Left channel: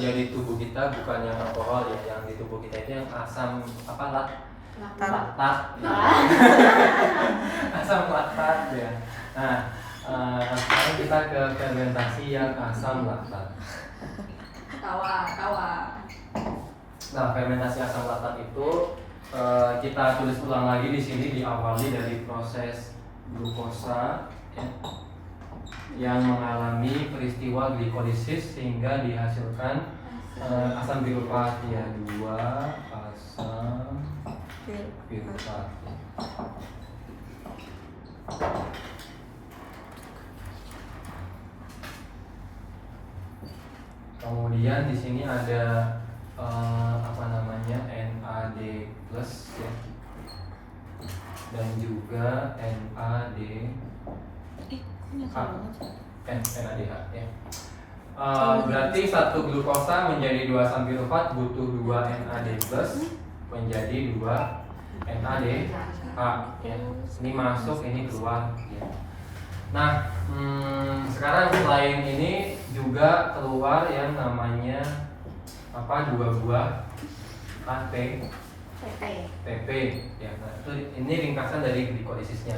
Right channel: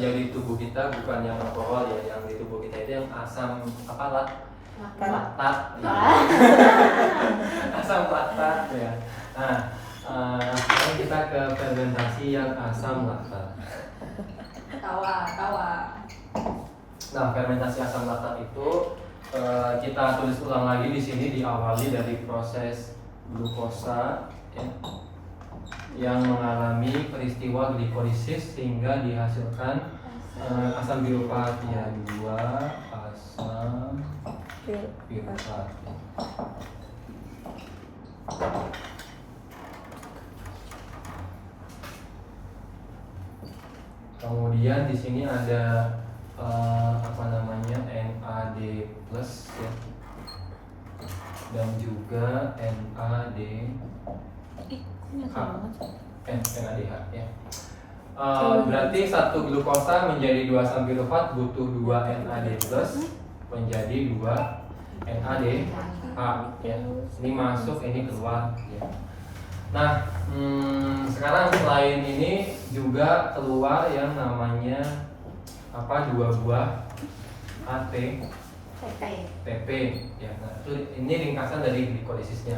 Jadi tubuh kita bukan yang alkohol ya, yang di tubuh kita itu yang asam apa laktat ya. Asam laktat ya. Nah, sekarang kita ke fermentasi yang asam laktat. Tawa. Nah, fermentasi asam laktat itu kita tulis ulang lagi di sini, diawali dari proses glukosa ya, yang mengalami peristiwa glikolisis sehingga dihasilkan asam pirufat ya, 2 asam pirufat. Kemudian di sini ada NAD plus ya, dan juga NADH ya. Berarti satu glukosa menjadi 2 asam pirufat butuh 2 NAD plus menjadi 2 NADH ya. Ini masuk, ini keluar ya. Nah, sekarang selain ini juga keluar yang namanya apa, 2 buah ATP ya. Nah, ini ringkasan dari glikolisisnya.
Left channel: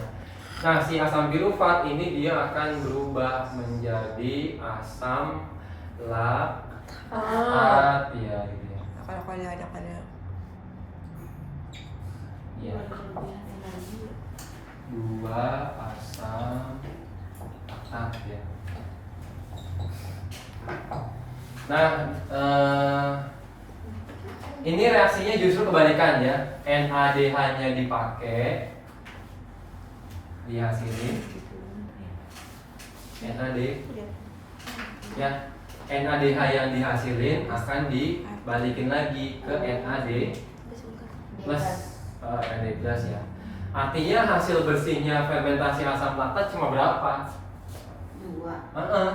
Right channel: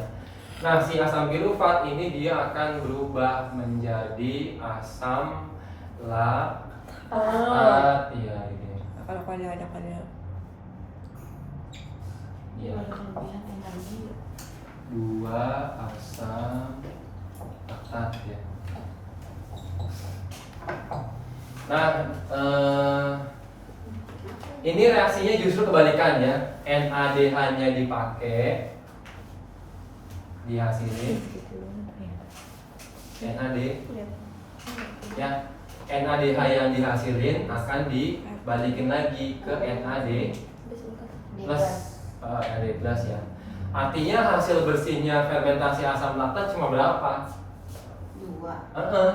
Nah, si asam pirufat ini dia akan berubah menjadi asam laktat ya gitu. Ada. Ya. 2 asam laktat ya. Nah, ini reaksinya justru kebalikan ya. NADH-nya dipakai, dihasilin NAD ya. NADH yang dihasilin akan dibalikin lagi ke NAD plus NAD plus ya. Artinya hasil bersihnya fermentasi asam laktat cuma berapa? 2.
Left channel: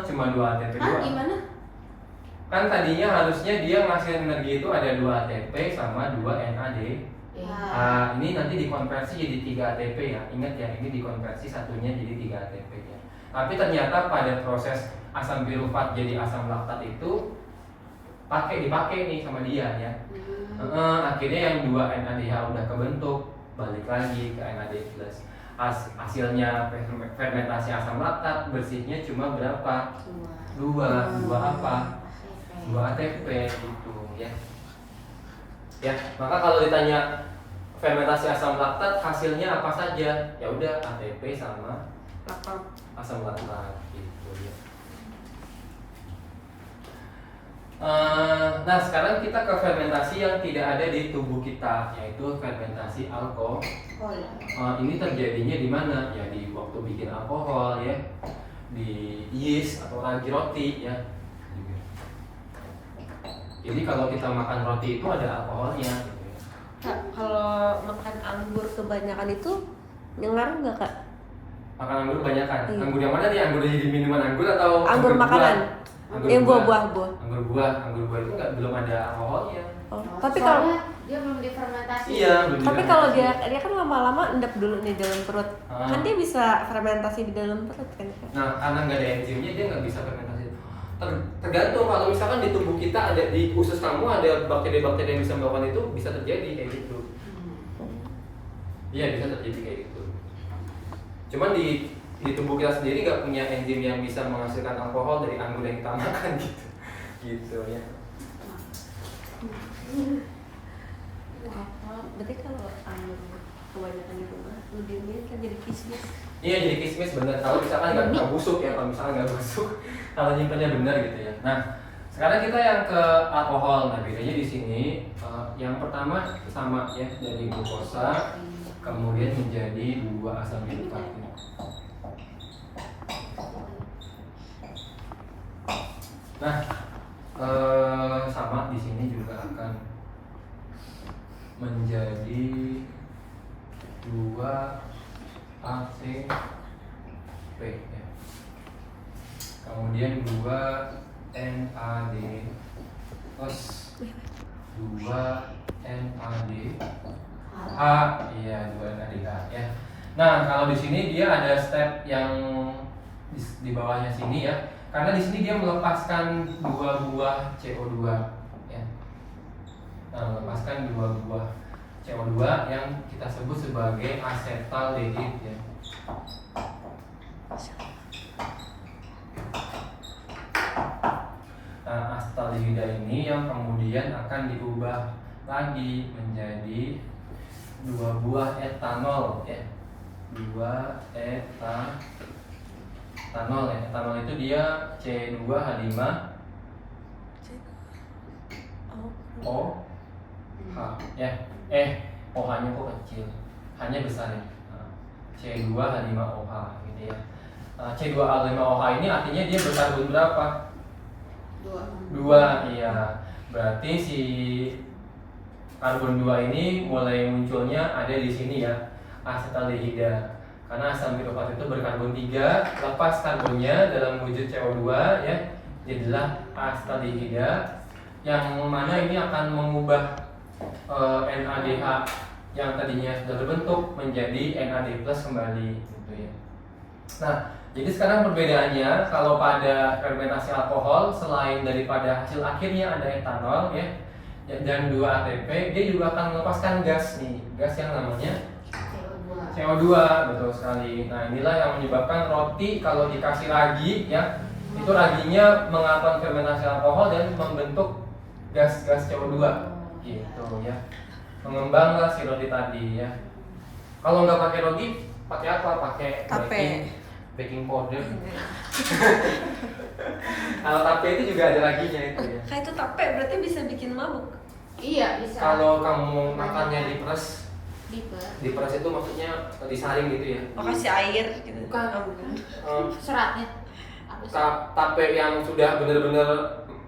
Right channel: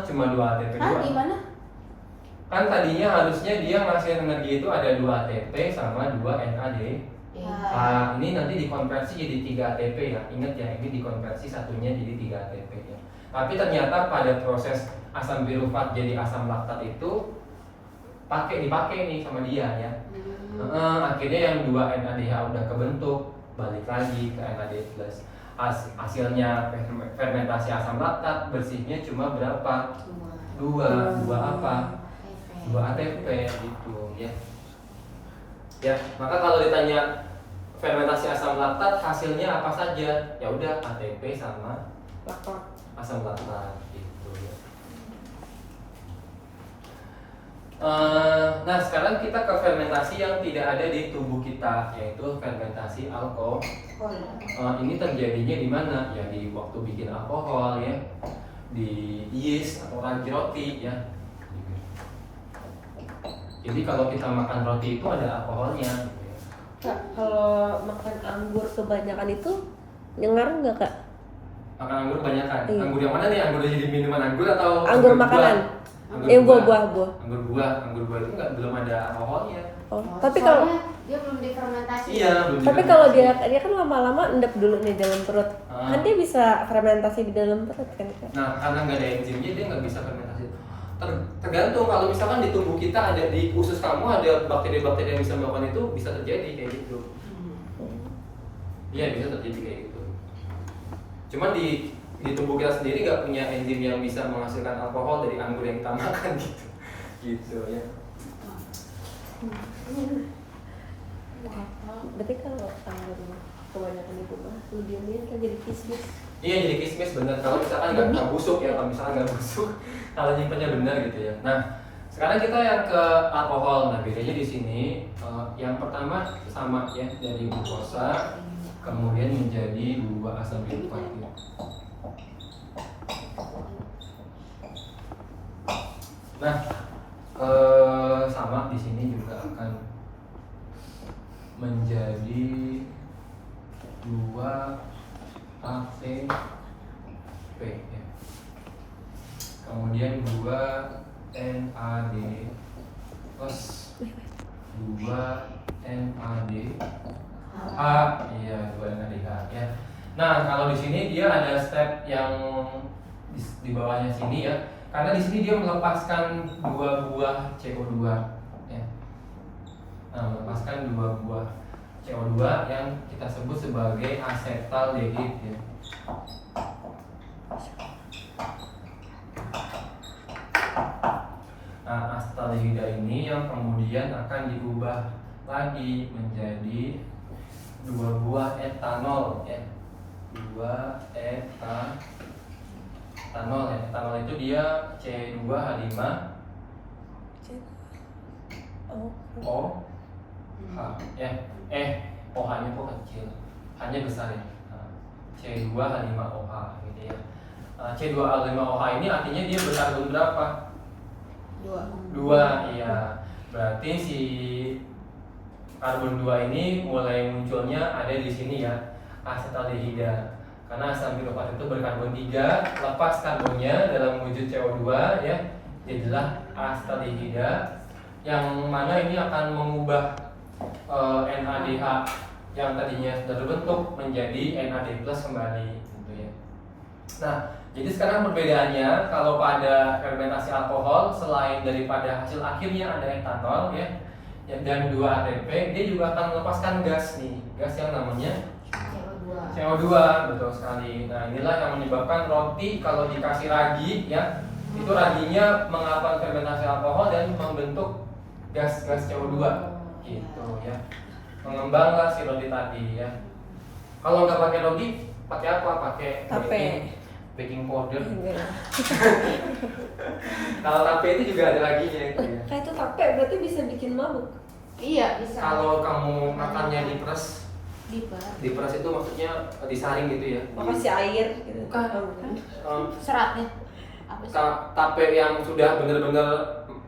Cuma 2 ATP doang. Gimana? Kan tadinya harusnya dia ngasih energi itu ada 2 ATP sama 2 NAD. Ya. Ini nanti dikonversi jadi 3 ATP ya. Ingat ya, ini dikonversi satunya jadi 3 ATP ya. Tapi ternyata pada proses asam pirufat jadi asam laktat itu dipakai nih sama dia ya. Akhirnya yang 2 NADH udah kebentuk, balik lagi ke NAD plus. Hasilnya fermentasi asam laktat bersihnya cuma berapa? 2 apa? 2 ATP gitu ya. Ya, maka kalau ditanya fermentasi asam laktat hasilnya apa saja? Ya udah ATP sama asam laktat gitu ya. Nah, sekarang kita ke fermentasi yang tidak ada di tubuh kita, yaitu fermentasi alkohol. Ini terjadinya di mana? Ya di waktu bikin alkohol ya, di yeast atau ranji roti ya. Jadi kalau kita makan roti itu ada alkoholnya. Kak, kalau makan anggur kebanyakan itu ngaruh nggak, Kak? Makan anggur kebanyakan? Iya. Anggur yang mana nih? Anggur jadi minuman anggur atau anggur makanan? Yang buah. Anggur buah itu belum ada alkoholnya. Oh, tapi kalau dia belum difermentasi. Iya, belum. tapi kalau dia kan lama-lama endap dulu nih dalam perut. Ah. Kan dia bisa fermentasi di dalam perut kan, Kak? Nah, karena nggak ada enzimnya dia nggak bisa fermentasi. Tergantung, kalau misalkan di tubuh kita ada, di usus kamu ada bakteri-bakteri yang bisa melakukan itu, bisa terjadi kayak gitu. Iya, bisa terjadi kayak gitu. Cuman di tubuh kita sendiri nggak punya enzim yang bisa menghasilkan alkohol dari anggur yang kita makan gitu ya. Berarti kalau anggur kebanyakan di rumah lu diamin kan jadi kismis. Iya, jadi kismis benar. Kalau misalkan nggak busuk ya, kalau misalkan nggak busuk, kalau nyimpennya benar gitu ya. Nah, sekarang kita yang ke alkohol. Nah, bedanya di sini yang pertama sama ya, dari glukosa kemudian menjadi 2 asam pirufat. Nah, sama di sini juga akan menjadi 2 ATP ya. Kemudian 2 NAD plus 2 NAD iya 2 NADH ya. Nah, kalau di sini dia ada step yang di bawahnya sini ya. Karena di sini dia melepaskan 2 buah CO2 ya. Nah, melepaskan 2 buah CO2 yang kita sebut sebagai asetaldehid ya. Nah, asetaldehida ini yang kemudian akan diubah lagi menjadi 2 buah etanol ya. 2 etanol ya. Etanol itu dia C2H5 O H ya. OH-nya kok kecil. H-nya besar ya. Nah, C2H5OH gitu ya. C2H5OH ini artinya dia berkarbon berapa? 2, iya. Berarti si karbon 2 ini mulai munculnya ada di sini ya, asetaldehida. Karena asam pirofat itu berkarbon 3, lepas karbonnya dalam wujud CO2 ya, jadilah asetaldehida yang mana ini akan mengubah NADH yang tadinya sudah terbentuk menjadi NAD+ kembali gitu ya. Nah, jadi sekarang perbedaannya kalau pada fermentasi alkohol selain daripada hasil akhirnya ada etanol ya dan 2 ATP, dia juga akan melepaskan gas nih, gas yang namanya CO2, betul sekali. Nah, inilah yang menyebabkan roti kalau dikasih ragi ya, itu raginya mengalami fermentasi alkohol dan membentuk gas-gas CO2 gitu ya. Mengembanglah si roti tadi ya. Kalau nggak pakai roti, pakai apa? Pakai Tape. baking powder. Kalau tape itu juga ada raginya itu ya. Kayak itu tape berarti bisa bikin mabuk. Iya bisa. Kalau kamu makannya diperes Diperes itu maksudnya disaring gitu ya. Makasih air gitu. Bukan. Seratnya. Tape yang sudah benar-benar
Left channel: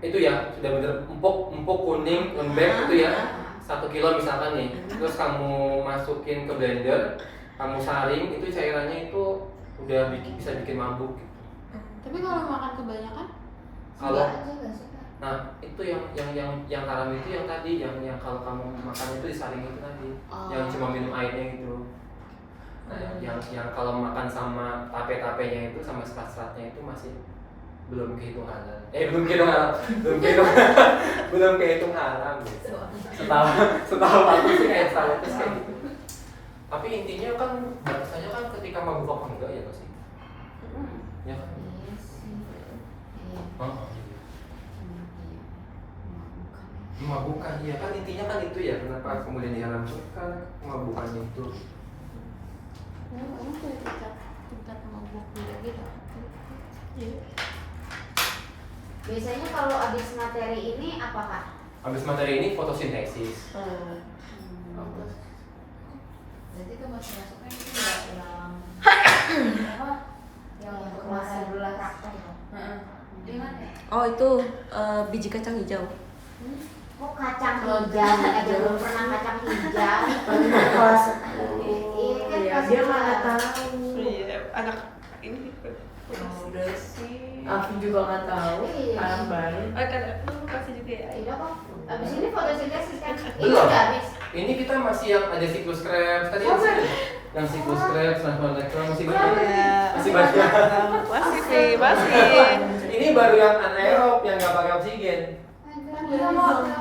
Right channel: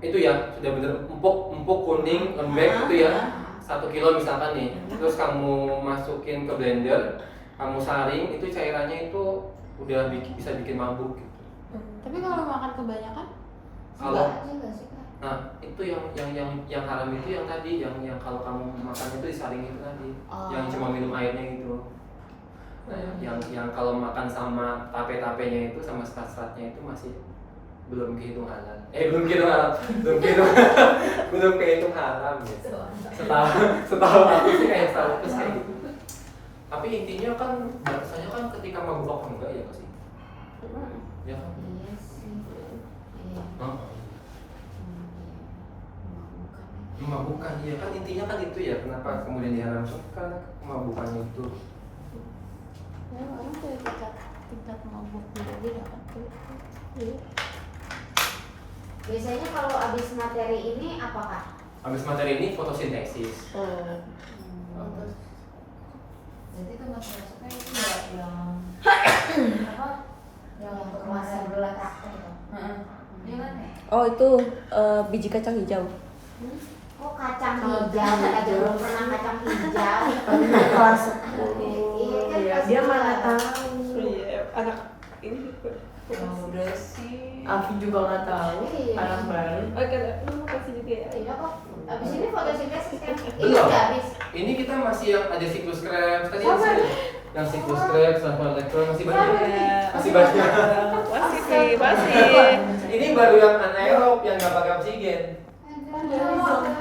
itu ya, sudah benar empuk kuning lembek gitu ya. 1 kilo misalkan nih, terus kamu masukin ke blender, kamu saring, itu cairannya itu udah bisa bikin mabuk gitu. Tapi kalau makan kebanyakan Kalau juga sih. nah itu yang haram itu yang tadi yang kalau kamu makan itu disaring itu tadi, yang cuma minum airnya gitu. Nah, yang kalau makan sama tape-tapenya itu sama serat-seratnya itu masih belum kehitung halal. Belum kehitung haram gitu. Setahu aku sih kayak gitu. Tapi intinya kan batasannya kan ketika mabuk apa enggak ya pasti. Ya. Iya sih. Memabukan ya kan intinya kan itu ya, kenapa kemudian diharamkan kan memabukannya itu. Tingkat mabuknya beda. Biasanya kalau habis materi ini apa Kak? Habis materi ini fotosintesis. Berarti kan masuknya itu yang apa? Yang untuk masa belah takte itu. Gimana? Oh itu biji kacang hijau. Oh kacang hijau, aja belum pernah kacang hijau. Kelas Iya, dia mana tahu. Iya, anak ini Udah sih. Aku juga nggak tahu. Iya. Anak baru. Lu kasih juga ya. Iya kok. Abis ini fotosintesis kan? Ini Belum. udah habis. Ini kita masih yang ada siklus Krebs tadi yang siklus Krebs, elektron masih banyak. Iya. Masih banyak. Masih sih, masih. Ini baru yang anaerob yang nggak pakai oksigen.